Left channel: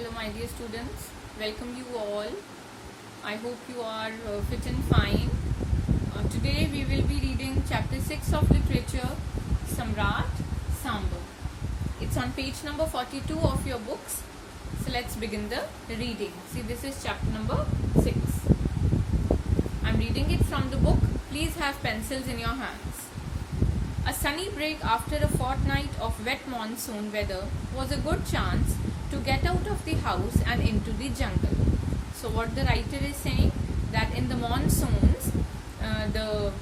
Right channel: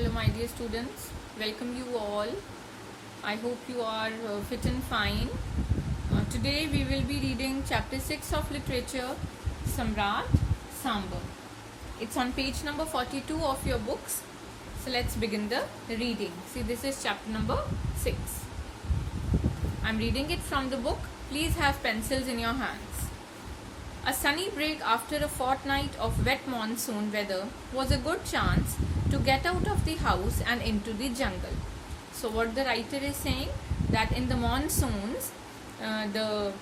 Hello my dear students, welcome you all. I hope you are fit and fine. Today we will be reading chapter 6 of literature, Samrat Sambar. It's on page number 42 of your books. So let's begin the reading. See, this is chapter number 6. I'm reading it from the book. Please have pencils in your hands. A sunny break after a fortnight of wet monsoon weather was a good chance to get out of the house and into the jungle. So what the writer is saying, that in the monsoons, the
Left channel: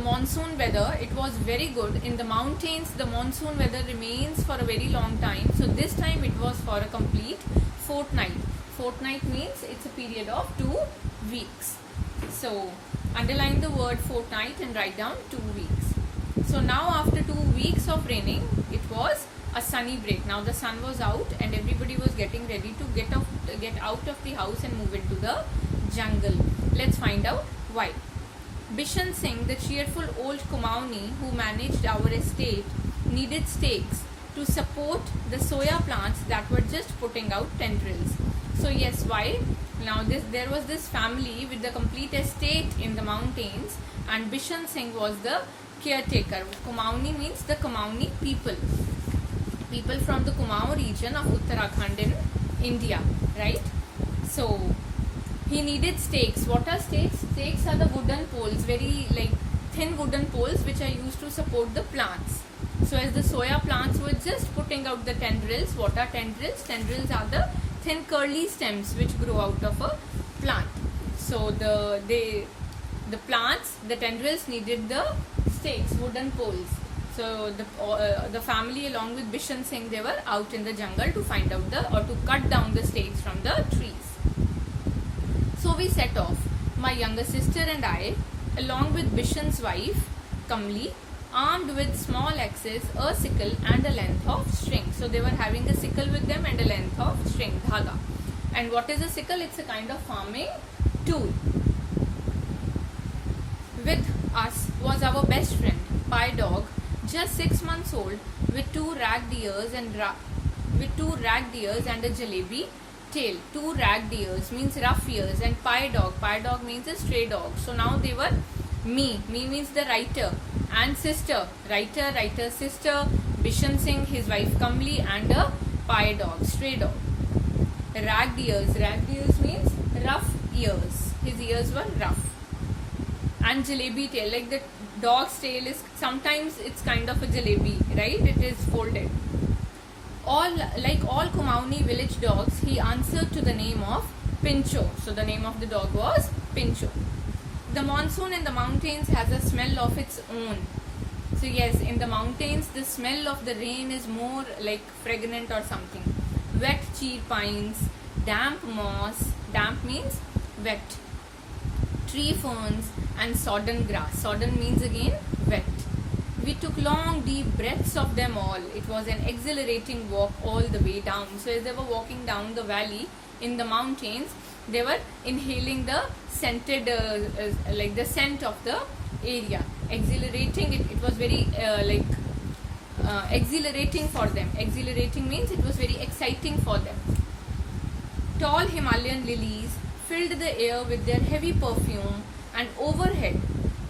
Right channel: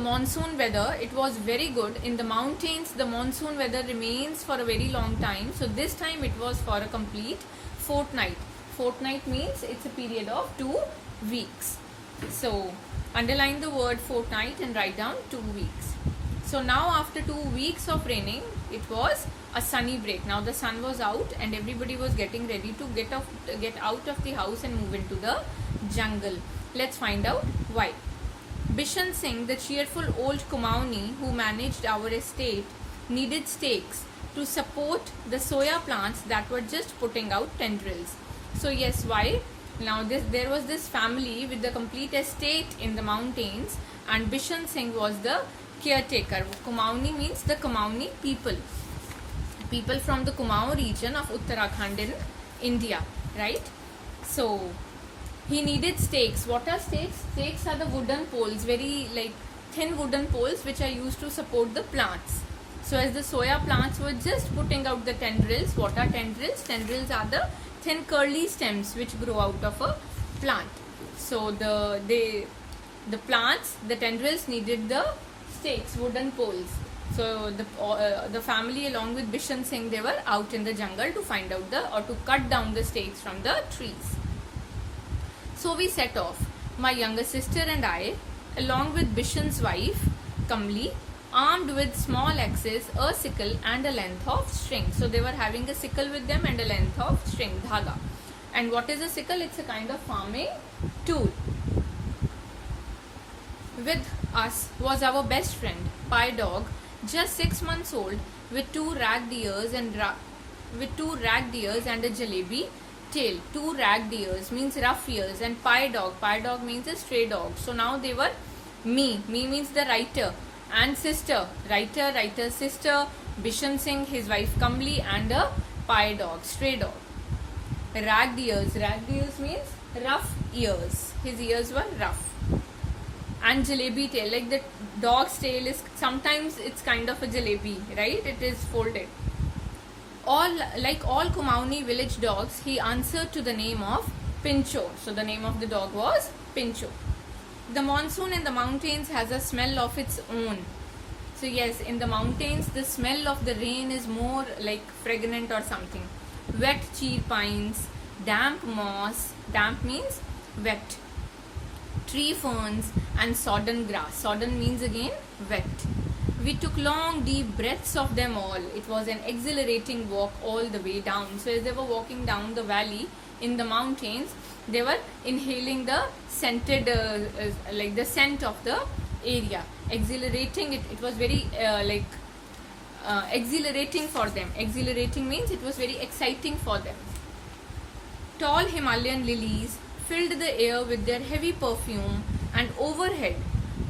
monsoon weather, it was very good. In the mountains, the monsoon weather remains for a very long time. So this time it was for a complete fortnight. Fortnight means it's a period of 2 weeks. So underline the word fortnight and write down 2 weeks. So now after 2 weeks of raining, it was a sunny break. Now the sun was out and everybody was getting ready to get out of the house and move into the jungle. Let's find out why. Bishan Singh, the cheerful old Kumauni who managed our estate, needed stakes to support the soya plants that were just putting out tendrils. So yes, why? Now there was this family with the complete estate in the mountains, and Bishan Singh was the caretaker. Kumauni means the Kumauni people from the Kumaon region of Uttarakhand in India, right? So he needed stakes. What are stakes? Stakes are the wooden poles, very thin wooden poles which are used to support the plants. So as the soya plants were just putting out the tendrils, what are tendrils? Tendrils are the thin curly stems which grow out of a plant. So the plants, the tendrils needed the stakes, wooden poles. So the family along with Bishan Singh, they were out in the jungle to find out to cut down the stakes from the trees. So we set off, my younger sister and I, along with Bishan's wife, Kamli, armed with small axes, a sickle and a length of string. So they were having a sickle with them and a length of string, dhaga. And what is a sickle? It's a kind of farming tool. With us was our best friend, Pi Dog, just 6 months old, with two ragged ears and a jalebi tail. Two ragged ears means rough ears, and Pi Dog means a stray dog. So now they were me means the writer, and sister, writer, sister, Bishan Singh, his wife Kamli, and a Pi Dog, stray dog. Ragged ears means rough ears. His ears were rough. And jalebi tail, like the dog's tail is sometimes it's kind of a jalebi, right? It is folded. Like all Kumaoni village dogs, he answered to the name of Pincho. So the name of the dog was Pincho. The monsoon in the mountains has a smell of its own. So yes, in the mountains, the smell of the rain is more like fragrant or something. Wet cheer pines, damp moss, damp means wet, tree ferns and sodden grass. Sodden means again wet. We took long deep breaths of them all. It was an exhilarating walk all the way down. So as they were walking down the valley in the mountains, they were inhaling the scented, the scent of the area. Exhilarating, it was very exhilarating for them. Exhilarating means it was very exciting for them. Tall Himalayan lilies filled the air with their heavy perfume, and overhead,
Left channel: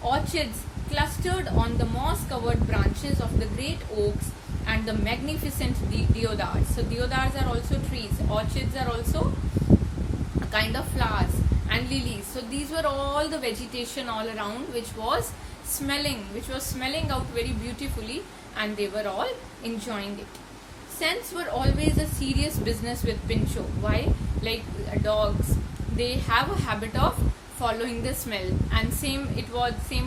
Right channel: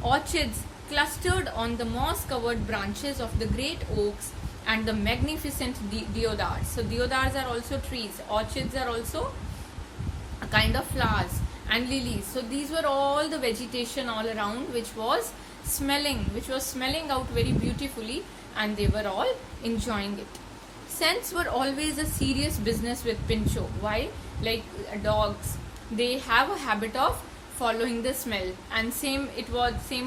orchids clustered on the moss-covered branches of the great oaks and the magnificent deodars. So deodars are also trees. Orchids are also a kind of flowers, and lilies. So these were all the vegetation all around which was smelling out very beautifully, and they were all enjoying it. Scents were always a serious business with Pincho. Why? Like dogs, they have a habit of following the smell, and same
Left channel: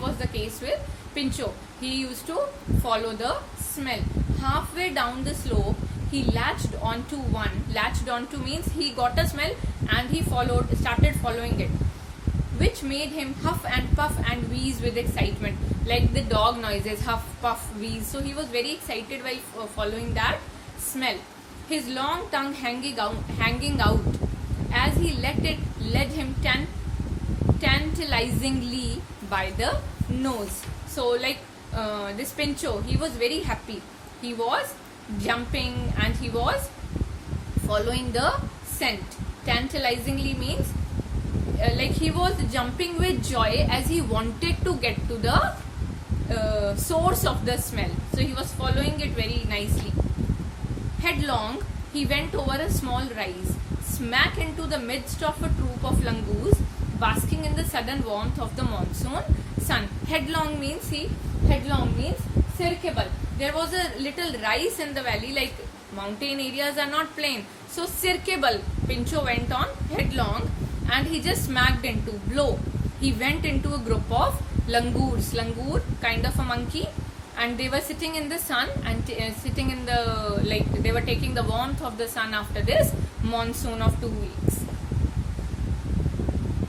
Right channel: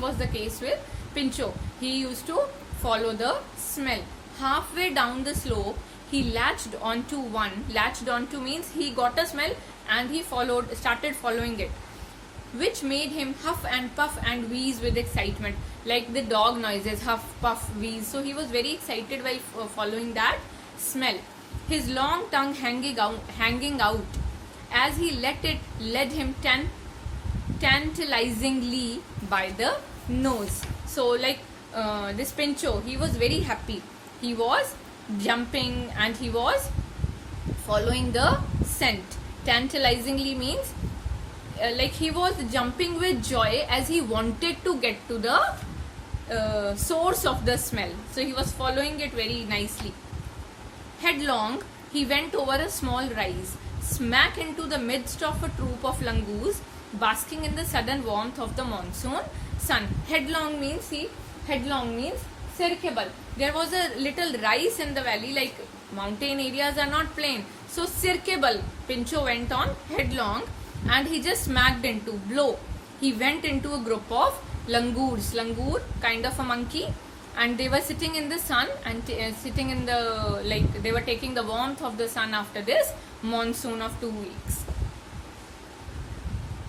was the case with Pincho. He used to follow the smell. Halfway down the slope, he latched onto one. Latched onto means he got a smell and he started following it, which made him huff and puff and wheeze with excitement, like the dog noises, huff, puff, wheeze. So he was very excited by following that smell. His long tongue hanging out as he led him tantalizingly by the nose. So this Pincho, he was very happy. He was jumping, and he was following the scent. Tantalizingly means like he was jumping with joy as he wanted to get to the source of the smell. So he was following it very nicely. Headlong, he went over a small rise, smack into the midst of a troop of langurs basking in the sudden warmth of the monsoon sun. Headlong means circable. There was a little rise in the valley, like mountain areas are not plain. So circable, Pinchot went on headlong and he just smacked into, blow. He went into a group of langurs, langur, kind of a monkey, and they were sitting in the sun and sitting in the, like they were taking the warmth of the sun after this monsoon of 2 weeks.